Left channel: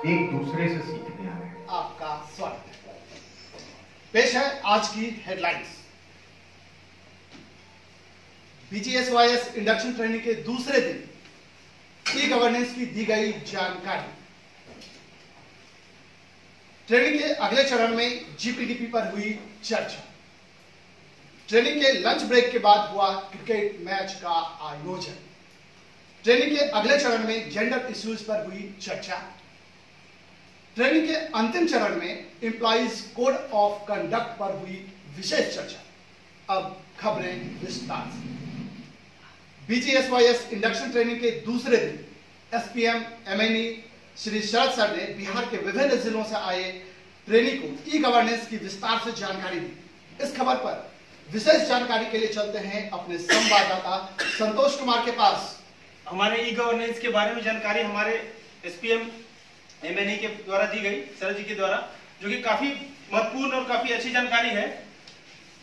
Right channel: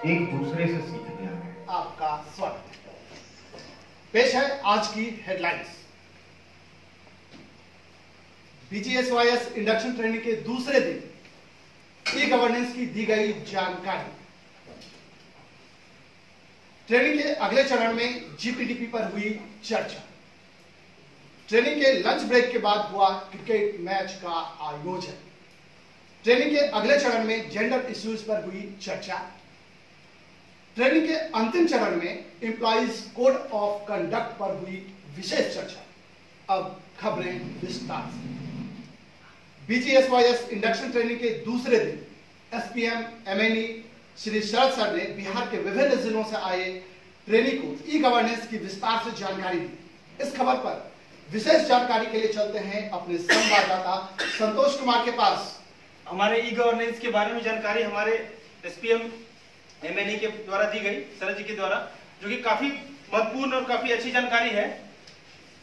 एक दूसरे से सीखते हैं। आपका स्वागत। पेश है आज की हेडलाइंस। बीजीएसवाईएस इंडक्शन ट्रेनिंग के दूसरे दिन ई गवर्नेंस की दी गई जानकारी। ट्रेनिंग के अगले चरण में जीपीडीपी पर हुई चर्चा। ट्रेनिंग के लंच ब्रेक के बाद हुआ क्रिकेट मैच का आयोजन। ट्रेनिंग के अगले चरण में जेंडर इश्यूज पर हुई चर्चा। ट्रेनिंग के अंतिम चरण में एम्प्लॉइज कोड ऑफ कंडक्ट पर हुई विशेष चर्चा। अब खबरें विस्तार से। बीजीएसवाईएस इंडक्शन ट्रेनिंग के दूसरे दिन एसपीएम एमएनई श्री शरद सर ने बिहार के विभिन्न जिलों से आए ट्रेनी को ई गवर्नेंस की विस्तार से जानकारी दी। इस खबर पर विशेष जानकारी के लिए चलते हैं अपने संवाददाता संतोष कुमार के पास। हमारे ई गवर्नेंस के बारे में जानकारी हमारे एसपीएम एमएनई के द्वारा दी गई, शरद जी के द्वारा, जो कि काफी महत्वपूर्ण और काफी अच्छी जानकारी है।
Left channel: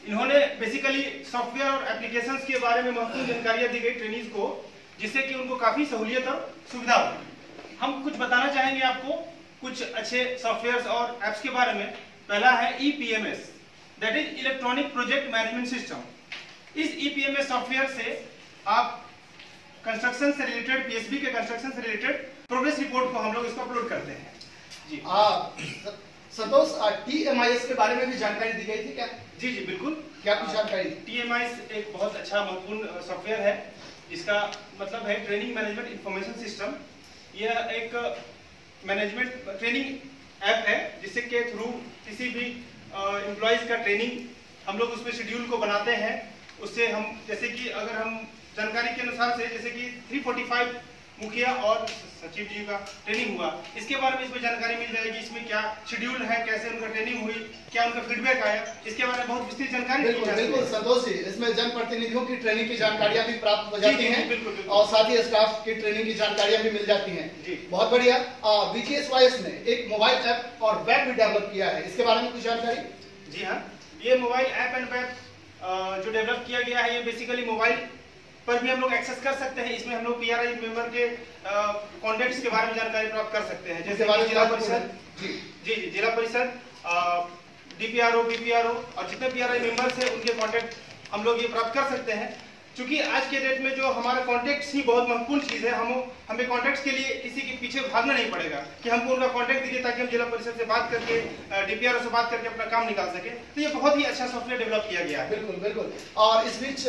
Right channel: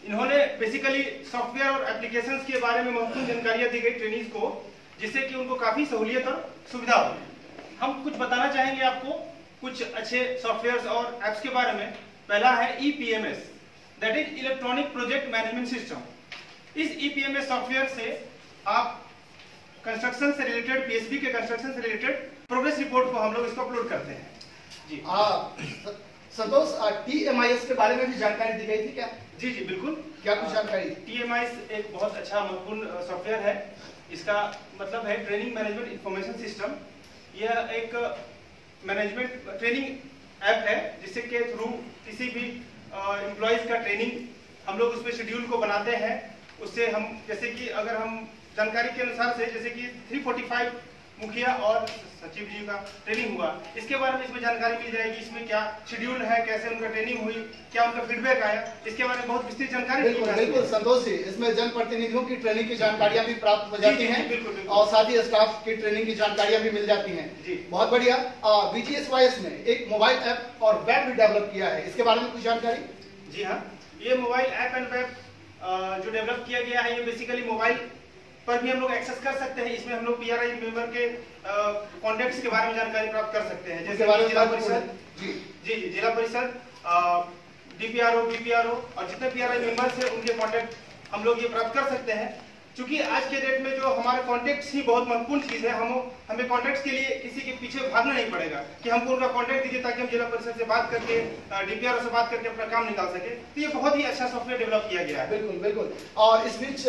इन्होंने बेसिकली सॉफ्टवेयर और एप्लीकेशंस के बारे में महत्वपूर्ण जानकारियां दी गई ट्रेनीज को, जिससे कि उनको काफी सहूलियत और सुविधा हो। हम कुछ बताना चाहेंगे आपको कुछ अच्छे सॉफ्टवेयर और एप्स के बारे में। पहला है EPMS, that is electronic project management system. इस ईपीएमएस सॉफ्टवेयर से आप कंस्ट्रक्शन से रिलेटेड, पीएसबी के कंस्ट्रक्शन से रिलेटेड प्रोग्रेस रिपोर्ट को हम लोग इसको अपलोड करते हैं। जी संतोष, टीएमआईएस के बारे में भी जानकारी दी गई थी क्या? जी जी बिल्कुल। क्या कुछ जानकारी? टीएमआईएस एक बहुत अच्छा महत्वपूर्ण सॉफ्टवेयर है। इसका मतलब है ट्रेनिंग मैनेजमेंट इंफॉर्मेशन सिस्टम। यह एक मैनेजमेंट ट्रेनिंग ऐप है, जिससे के थ्रू किसी भी एम्प्लॉइज का ट्रेनिंग हम लोग उसमें शेड्यूल को बनाते हैं। उससे हम जैसे कि अगर हम जानकारी के अनुसार से जैसे कि 345 मुखिया और सचिव जी का ट्रेनिंग हुआ, इसके बारे में इसमें जानकारी मिल जाएगी। इसमें क्या शेड्यूल है, कैसे उनका ट्रेनिंग हुई, क्या उनका फीडबैक आया, इसके बारे में बहुत विस्तृत जानकारी। बिल्कुल संतोष जी, इसमें जनप्रतिनिधियों की ट्रेनिंग की जानकारियां भी प्राप्त हो जाती हैं और साथ ही स्टाफ की ट्रेनिंग की जानकारियां भी मिल जाती हैं। बहुत बढ़िया। बीजीएसवाईएस ने एक मोबाइल ऐप और वेब भी डेवलप किया है, इसके बारे में कुछ जानकारी? जी हाँ, ये मोबाइल ऐप एंड वेब जो डेवलप किया गया है, ये बेसिकली मोबाइल पर भी हम लोग एक्सेस कर सकते हैं। इसमें हम लोग पीआरआई मेंबर के कॉन्टेक्ट्स के बारे में जानकारी प्राप्त कर सकते हैं, जैसे जिला परिषद, जी जिला परिषद, डीपीआरओ, बीपीआरओ और जितने पीआरआई मेंबर्स हैं उनके कॉन्टेक्ट हम लोग ये प्राप्त कर सकते हैं। क्योंकि आज के डेट में जो हमारे कॉन्टेक्ट्स ही बहुत महत्वपूर्ण चीज है। हमें कॉन्टेक्ट्स के लिए किसी के पीछे भागना नहीं पड़ेगा कि हमको उनका कॉन्टेक्ट दीजिए ताकि हम जिला परिषद से बात करके, डीपीआरओ से बात करके अपना काम निकाल सके। तो ये बहुत ही अच्छा सॉफ्टवेयर डेवलप किया गया है। बिल्कुल बिल्कुल। और इस बीच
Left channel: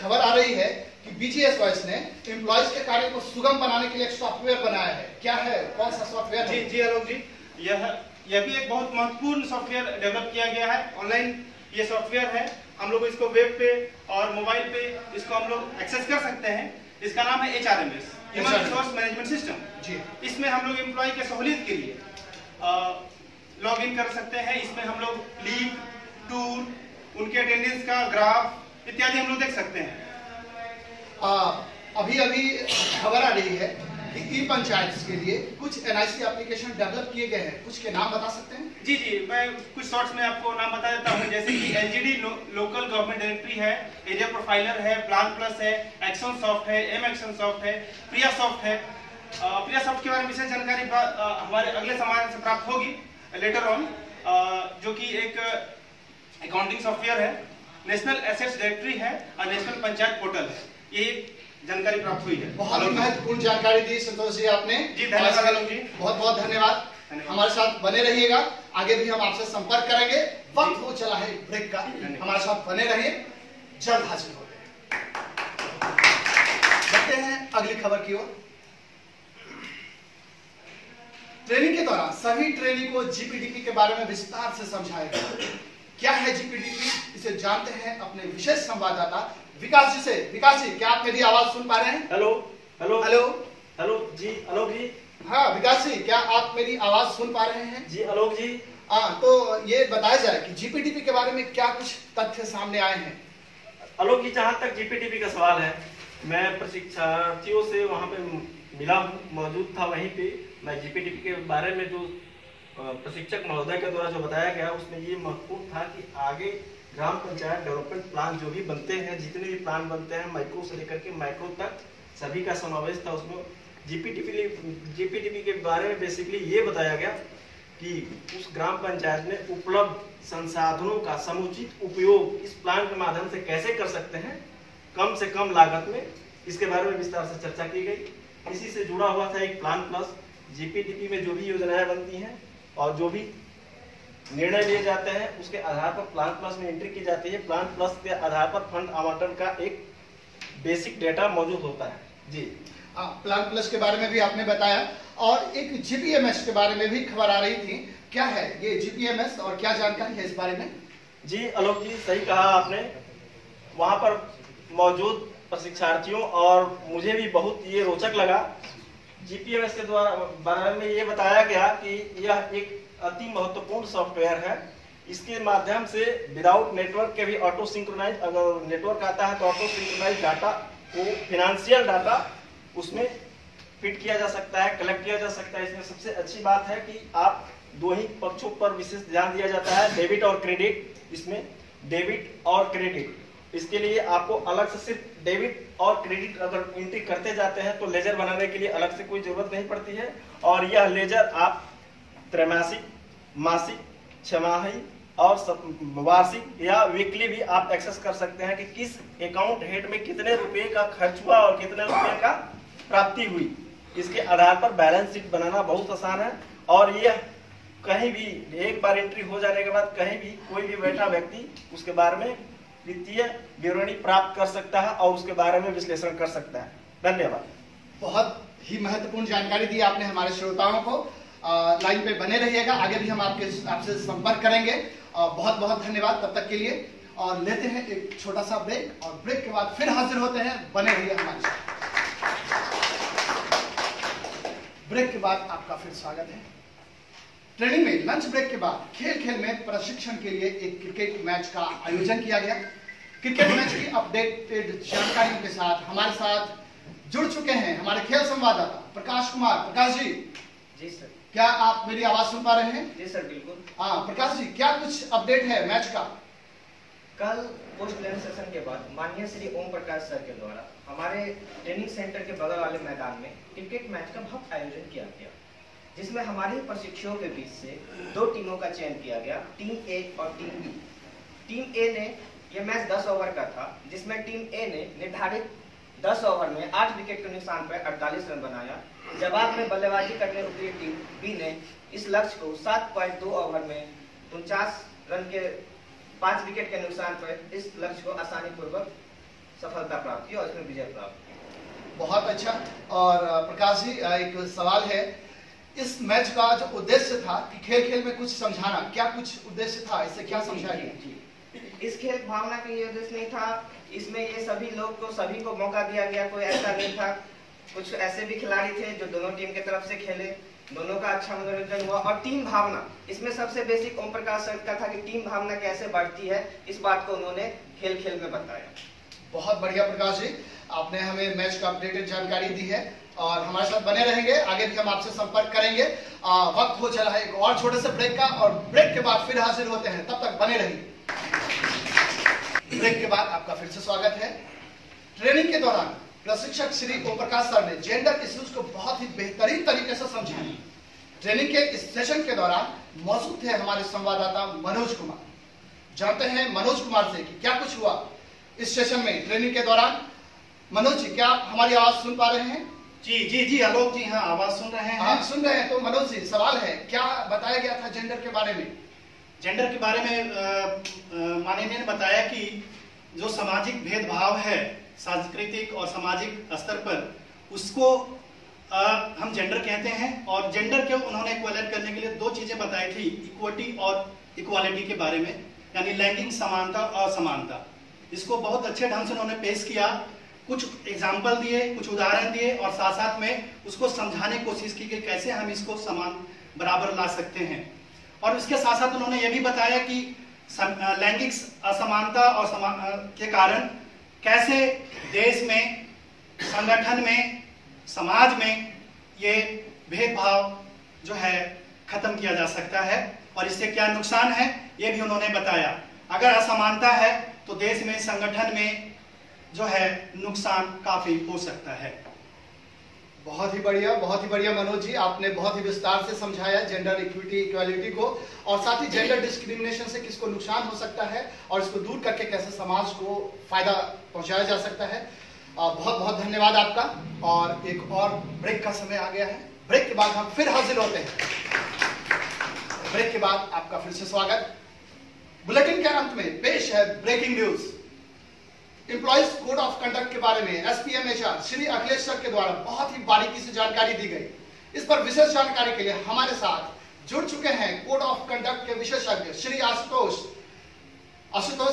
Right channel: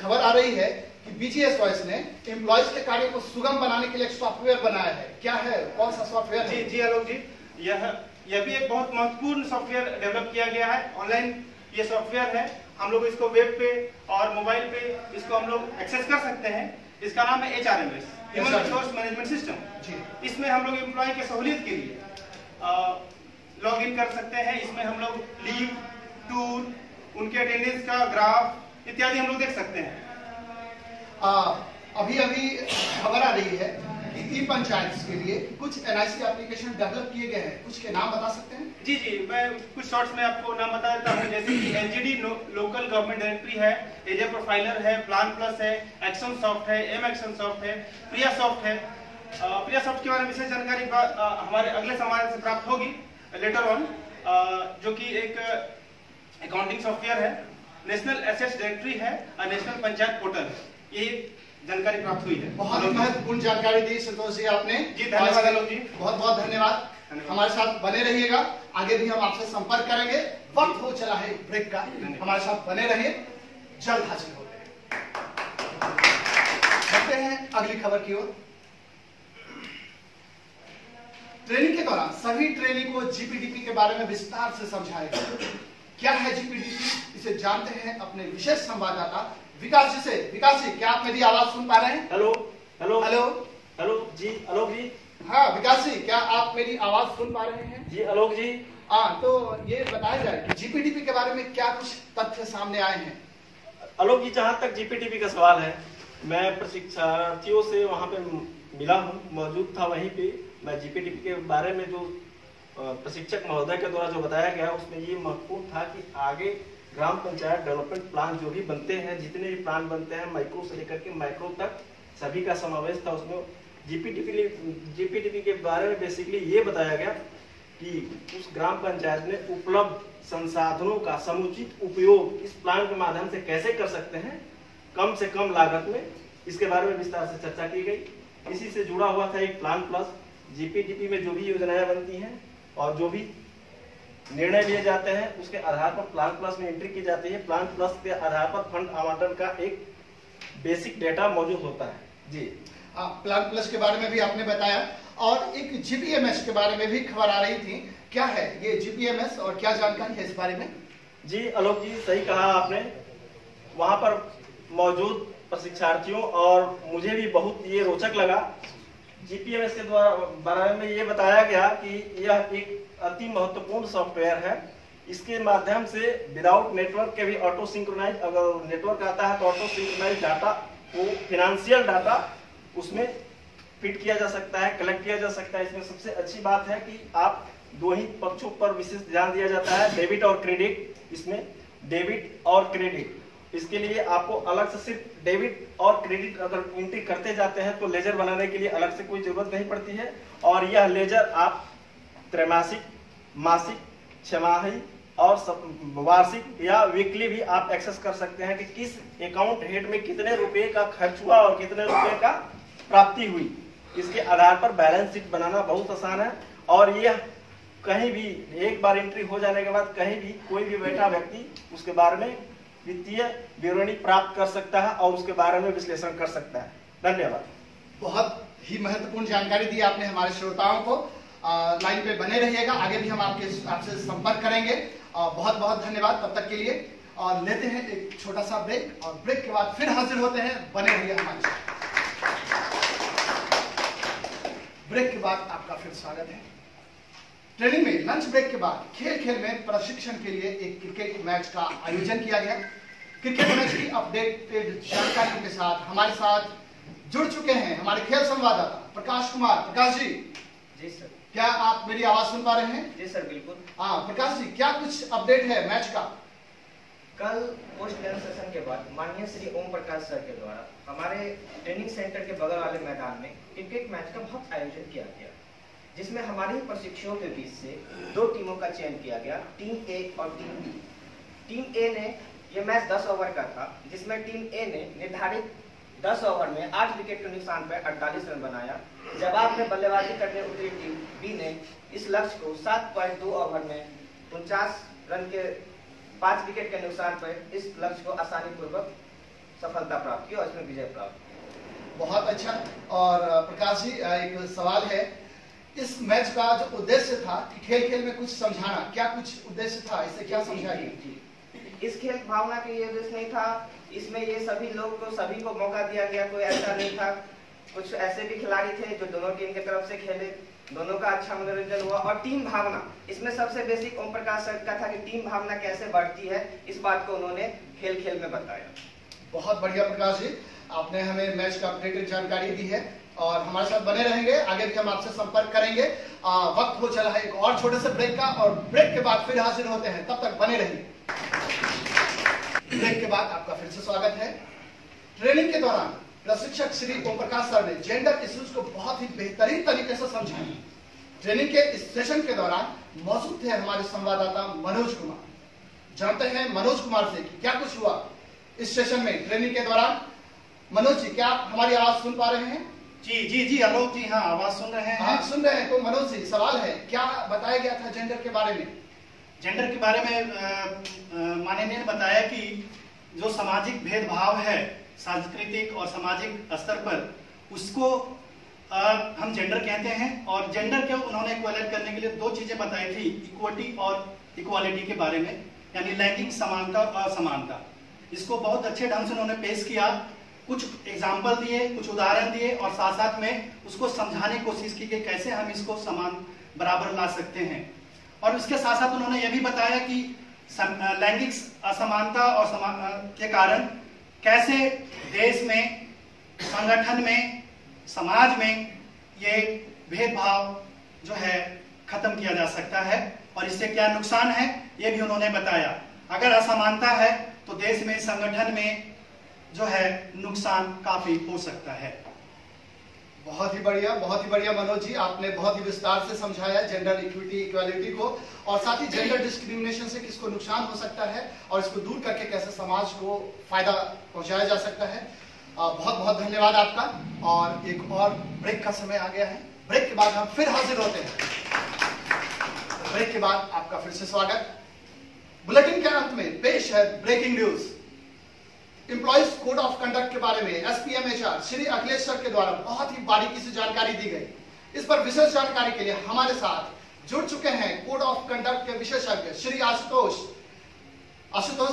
खबर आ रही है कि बीजीएसवाईएस ने एम्प्लॉइज के कार्य को सुगम बनाने के लिए एक सॉफ्टवेयर बनाया है। क्या है, कौन सा सॉफ्टवेयर है? जी आलोक जी, यह भी एक बहुत महत्वपूर्ण सॉफ्टवेयर डेवलप किया गया है। ऑनलाइन ये सॉफ्टवेयर है, हम लोग इसको वेब पे और मोबाइल पे इसको हम लोग एक्सेस कर सकते हैं। इसका नाम है HRMS, human resource management system. इसमें हम लोग एम्प्लॉय के सहूलियत के लिए लॉग इन कर सकते हैं। इसमें हम लोग लीव, टूर, उनके अटेंडेंस का ग्राफ इत्यादि हम लोग देख सकते हैं। अभी खबर आ रही है कि ई पंचायत के लिए कुछ एनआईसी एप्लीकेशन डेवलप किए गए हैं, कुछ के नाम बता सकते हैं? जी, मैं कुछ शॉर्ट्स में आपको नाम बता देता हूँ। जैसे कि एलजीडी लोकल गवर्नमेंट डायरेक्टरी है, एरिया प्रोफाइलर है, प्लान प्लस है, एक्शन सॉफ्ट है, एम एक्शन सॉफ्ट है, प्रिया सॉफ्ट है। प्रिया सॉफ्ट के बारे में विशेष जानकारी हमारे अगले समारोह से प्राप्त होगी लेटर ऑन, जो कि एक अकाउंटिंग सॉफ्टवेयर है। नेशनल एसेट्स डायरेक्टरी है और नेशनल पंचायत पोर्टल है। ये जानकारी प्राप्त हुई है। बहुत महत्वपूर्ण जानकारी दी संतोष जी आपने। जी धन्यवाद आलोक जी, बहुत बहुत धन्यवाद। हमारे साथ बने रहिएगा, आगे भी हम आपसे संपर्क करेंगे। वक्त हो चला है ब्रेक का, हमारे साथ बने रहिए, जल्द हाजिर होंगे। बढ़ते हैं अगली खबर की ओर। ट्रेनिंग के दौरान सभी ट्रेनी को जीपीडीपी के बारे में विस्तार से समझाया गया। क्या है जीपीडीपी, इसे जानते हैं अपने विशेष संवाददाता विकास जी से। विकास जी, क्या आप मेरी आवाज सुन पा रहे हैं? हेलो हेलो हेलो हेलो जी, आलोक जी। हाँ विकास जी, क्या आप मेरी आवाज सुन पा रहे हैं? जी आलोक जी। हाँ, तो ये बताया जाए कि जीपीडीपी के बारे में क्या कुछ तथ्य सामने आए हैं? आलोक जी, जहाँ तक जीपीडीपी का सवाल है, मैं प्रशिक्षार्थियों से वहाँ पे मिला हूँ, मौजूद था वहीं पे। मैं जीपीडीपी के बारे में जो प्रशिक्षक महोदय के द्वारा जो बताया गया, उसमें ये महत्वपूर्ण था कि आगे ग्राम पंचायत डेवलपमेंट प्लान जो भी बनते हैं, जितने भी प्लान बनते हैं, माइक्रो से लेकर के मैक्रो तक, सभी का समावेश था उसमें। जीपीटीपी के बारे में बेसिकली ये बताया गया कि उस ग्राम पंचायत में उपलब्ध संसाधनों का समुचित उपयोग इस प्लान के माध्यम से कैसे कर सकते हैं कम से कम लागत में, इसके बारे में विस्तार से चर्चा की गई। इसी से जुड़ा हुआ था एक प्लान प्लस। जीपीटीपी में जो भी योजनाएं बनती हैं और जो भी निर्णय लिए जाते हैं उसके आधार पर प्लान प्लस में एंट्री की जाती है। प्लान प्लस के आधार पर फंड आवंटन का एक बेसिक डेटा मौजूद होता है। जी प्लान प्लस के बारे में भी आपने बताया और एक जीपीएमएस के बारे में भी खबर आ रही थी, क्या है ये जीपीएमएस और क्या जानकारी है इस बारे में? जी आलोक जी, सही कहा आपने। वहां पर मौजूद प्रशिक्षार्थियों और मुझे भी बहुत ये रोचक लगा। जीपीएमएस के द्वारा बारे में ये बताया गया कि यह एक अति महत्वपूर्ण सॉफ्टवेयर है। इसके माध्यम से विदाउट नेटवर्क के भी ऑटो सिंक्रोनाइज, अगर नेटवर्क आता है तो ऑटो सिंक्रोनाइज डाटा को, फिनेंशियल डाटा उसमें फिट किया जा सकता है, कलेक्ट किया जा सकता है। इसमें सबसे अच्छी बात है कि आप दो ही पक्षों पर विशेष ध्यान दिया जाता है, डेबिट और क्रेडिट। इसमें डेबिट और क्रेडिट, इसके लिए आपको अलग से सिर्फ डेबिट और क्रेडिट अगर एंट्री करते जाते हैं तो लेजर बनाने के लिए अलग से कोई जरूरत नहीं पड़ती है। और यह लेजर आप त्रैमासिक, मासिक, छमाही और वार्षिक या वीकली भी आप एक्सेस कर सकते हैं कि किस अकाउंट हेड में कितने रुपए का खर्च हुआ और कितने रुपए का प्राप्ति हुई। इसके आधार पर बैलेंस शीट बनाना बहुत आसान है और यह कहीं भी एक बार एंट्री हो जाने के बाद कहीं भी कोई भी बैठा व्यक्ति उसके बारे में वित्तीय विवरणी प्राप्त कर सकता है और उसके बारे में विश्लेषण कर सकता है। धन्यवाद। बहुत ही महत्वपूर्ण जानकारी दी आपने हमारे श्रोताओं को। लाइन पे बने रहिएगा, आगे भी हम आपसे संपर्क करेंगे। बहुत बहुत धन्यवाद तब तक के लिए। और लेते हैं एक छोटा सा ब्रेक और ब्रेक के बाद फिर हाजिर होते हैं। बने रहिए हमारे साथ। ब्रेक के बाद आपका फिर स्वागत है। ट्रेनिंग में लंच ब्रेक के बाद खेल खेल में प्रशिक्षण के लिए एक क्रिकेट मैच का आयोजन किया गया। क्रिकेट मैच की अपडेटेड जानकारियों के साथ हमारे साथ जुड़ चुके हैं हमारे खेल संवाददाता प्रकाश कुमार। प्रकाश जी। जी सर। क्या आप मेरी आवाज सुन पा रहे हैं? जी सर, बिल्कुल। हाँ प्रकाश जी, क्या कुछ अपडेट है मैच का? कल पोस्ट लंच सेशन के बाद माननीय श्री ओम प्रकाश सर के द्वारा हमारे ट्रेनिंग सेंटर के बगल वाले मैदान में क्रिकेट मैच का बहुत आयोजन किया गया, जिसमें हमारे प्रशिक्षुओं के बीच से दो टीमों का चयन किया गया, टीम ए और टीम बी। टीम ए ने यह मैच 10 ओवर का था, जिसमें टीम ए ने निर्धारित 10 ओवर में 8 विकेट के नुकसान पर 48 रन बनाया। जवाब में बल्लेबाजी करने उतरी टीम बी ने इस लक्ष्य को 7.2 ओवर में 49 रन के 5 विकेट के नुकसान पर इस लक्ष्य को आसानी पूर्वक सफलता प्राप्त की और इसमें विजय प्राप्त की। बहुत अच्छा। और प्रकाश जी, एक सवाल है, इस मैच का जो उद्देश्य था कि खेल खेल में कुछ समझाना, क्या कुछ उद्देश्य था, इससे क्या समझाइए? इस खेल भावना का ये उद्देश्य नहीं था, इसमें ये सभी लोग को सभी को मौका दिया गया, कोई ऐसा नहीं था। कुछ ऐसे भी खिलाड़ी थे जो दोनों टीम की तरफ से खेले, दोनों का अच्छा मनोरंजन हुआ। और टीम भावना, इसमें सबसे बेसिक ओम प्रकाश सर का था कि टीम भावना कैसे बढ़ती है, इस बात को उन्होंने खेल खेल में बताया। बहुत बढ़िया प्रकाश जी, आपने हमें मैच का अपडेटेड जानकारी दी है और हमारे साथ बने रहेंगे, आगे भी हम आपसे संपर्क करेंगे। वक्त हो चला है एक और छोटे से ब्रेक का और ब्रेक के बाद फिर हाजिर होते हैं, तब तक बने रहिए। ब्रेक के बाद आपका फिर से स्वागत है। ट्रेनिंग के दौरान प्रशिक्षक श्री ओम प्रकाश सर ने जेंडर इश्यूज को बहुत ही बेहतरीन तरीके से समझाया। ट्रेनिंग के इस सेशन के दौरान मौजूद थे हमारे संवाददाता मनोज कुमार। जानते हैं मनोज कुमार से कि क्या कुछ हुआ इस सेशन में ट्रेनिंग के दौरान। मनोज जी, क्या हमारी आवाज सुन पा रहे हैं? जी आलोक जी, हाँ आवाज सुन रहे हैं। आप सुन रहे हैं। तो मनोज जी, सवाल है, क्या बताया गया था जेंडर के बारे में? जेंडर के बारे में माननीय ने बताया कि जो सामाजिक भेदभाव है सांस्कृतिक और सामाजिक स्तर पर, उसको हम जेंडर कहते हैं। और जेंडर के उन्होंने इक्वलेट करने के लिए दो चीजें बताई थी, इक्विटी और इक्वालिटी के बारे में, यानी लैंगिक समानता और असमानता। इसको बहुत अच्छे ढंग से उन्होंने पेश किया, कुछ एग्जाम्पल दिए, कुछ उदाहरण दिए और साथ साथ में उसको समझाने की कोशिश की कि कैसे हम इसको समान बराबर ला सकते हैं। और उसके साथ साथ उन्होंने ये भी बताया कि लैंगिक असमानता और के कारण कैसे देश में, संगठन में, समाज में ये भेदभाव जो है खत्म किया जा सकता है और इससे क्या नुकसान है ये भी उन्होंने बताया। अगर असमानता है तो देश में, संगठन में जो है नुकसान काफी हो सकता है। बहुत ही बढ़िया मनोज जी, आपने बहुत ही विस्तार से समझाया जेंडर इक्विटी इक्वालिटी को, और साथ ही जेंडर डिस्क्रिमिनेशन से किसको नुकसान हो सकता है और इसको दूर करके कैसे समाज को फायदा पहुंचाया जा सकता है। बहुत बहुत धन्यवाद आपका। और एक और ब्रेक का समय आ गया है। ब्रेक के बाद हम फिर हाजिर होते हैं। ब्रेक के बाद आपका फिर से स्वागत। बुलेटिन के अंत में पेश है breaking news. Employees code of conduct के बारे में SPM HR Shri Akhilesh sir के द्वारा बहुत ही बारीकी से जानकारी दी गई। इस पर विशेष जानकारी के लिए हमारे साथ जुड़ चुके हैं कोड ऑफ कंडक्ट के विशेषज्ञ श्री आशुतोष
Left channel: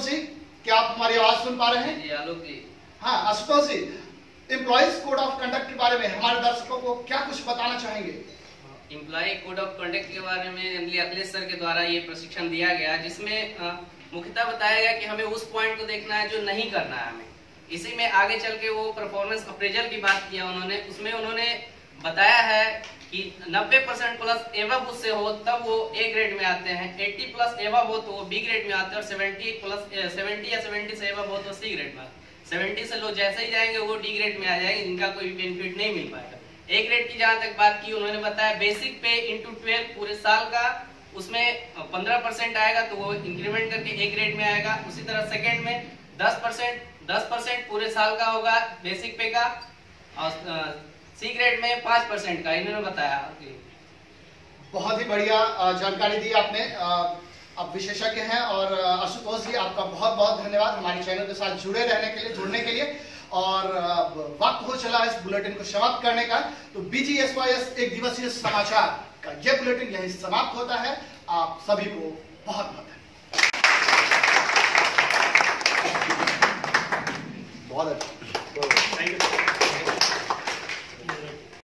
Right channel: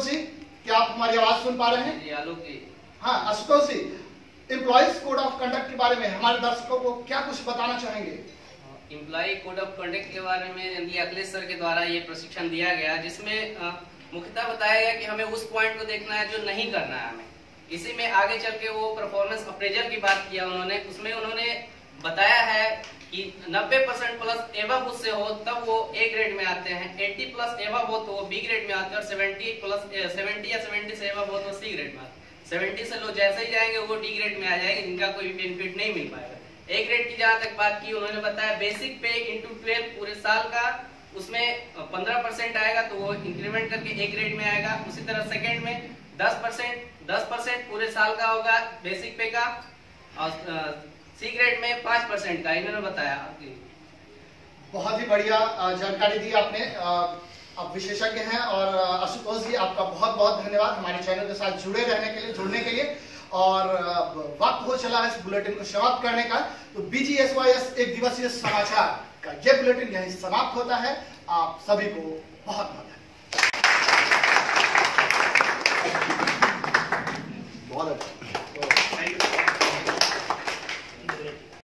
जी, क्या आप हमारी आवाज सुन पा रहे हैं? जी आलोक जी। हाँ आशुतोष जी, एम्प्लॉइज कोड ऑफ कंडक्ट के बारे में हमारे दर्शकों को क्या कुछ बताना चाहेंगे? एम्प्लॉय कोड ऑफ कंडक्ट के बारे में अखिलेश सर के द्वारा ये प्रशिक्षण दिया गया, जिसमें मुख्यतः बताया गया कि हमें उस पॉइंट को देखना है जो नहीं करना है हमें। इसी में आगे चल के वो परफॉर्मेंस अप्रेजल की बात किया उन्होंने, उसमें उन्होंने बताया है कि 90% प्लस एवब उससे हो तब वो ए ग्रेड में आते हैं, 80 प्लस एवब हो तो वो बी ग्रेड में आते हैं, और 70 या 70 से एवब हो तो सी ग्रेड में आते हैं। 70 से लोग जैसे ही जाएंगे वो डी ग्रेड में आ जाएंगे, जिनका कोई बेनिफिट नहीं मिल पाएगा। ए ग्रेड की जहां तक बात की उन्होंने बताया बेसिक पे इंटू 12 पूरे साल का, उसमें 15% आएगा तो वो इंक्रीमेंट करके ए ग्रेड में आएगा। उसी तरह सेकंड में 10% पूरे साल का होगा बेसिक पे का, और सी ग्रेड में 5% का इन्होंने बताया। बहुत ही बढ़िया जानकारी दी आपने। आप विशेषज्ञ हैं। और आशुतोष जी, आपका बहुत बहुत धन्यवाद हमारे चैनल के साथ जुड़े रहने के लिए, जुड़ने के लिए। और वक्त हो चला इस बुलेटिन को समाप्त करने का, तो BGSYS एक दिवसीय समाचार का ये बुलेटिन यहीं समाप्त होता है। आप सभी को बहुत बहुत धन्यवाद। बहुत अच्छा।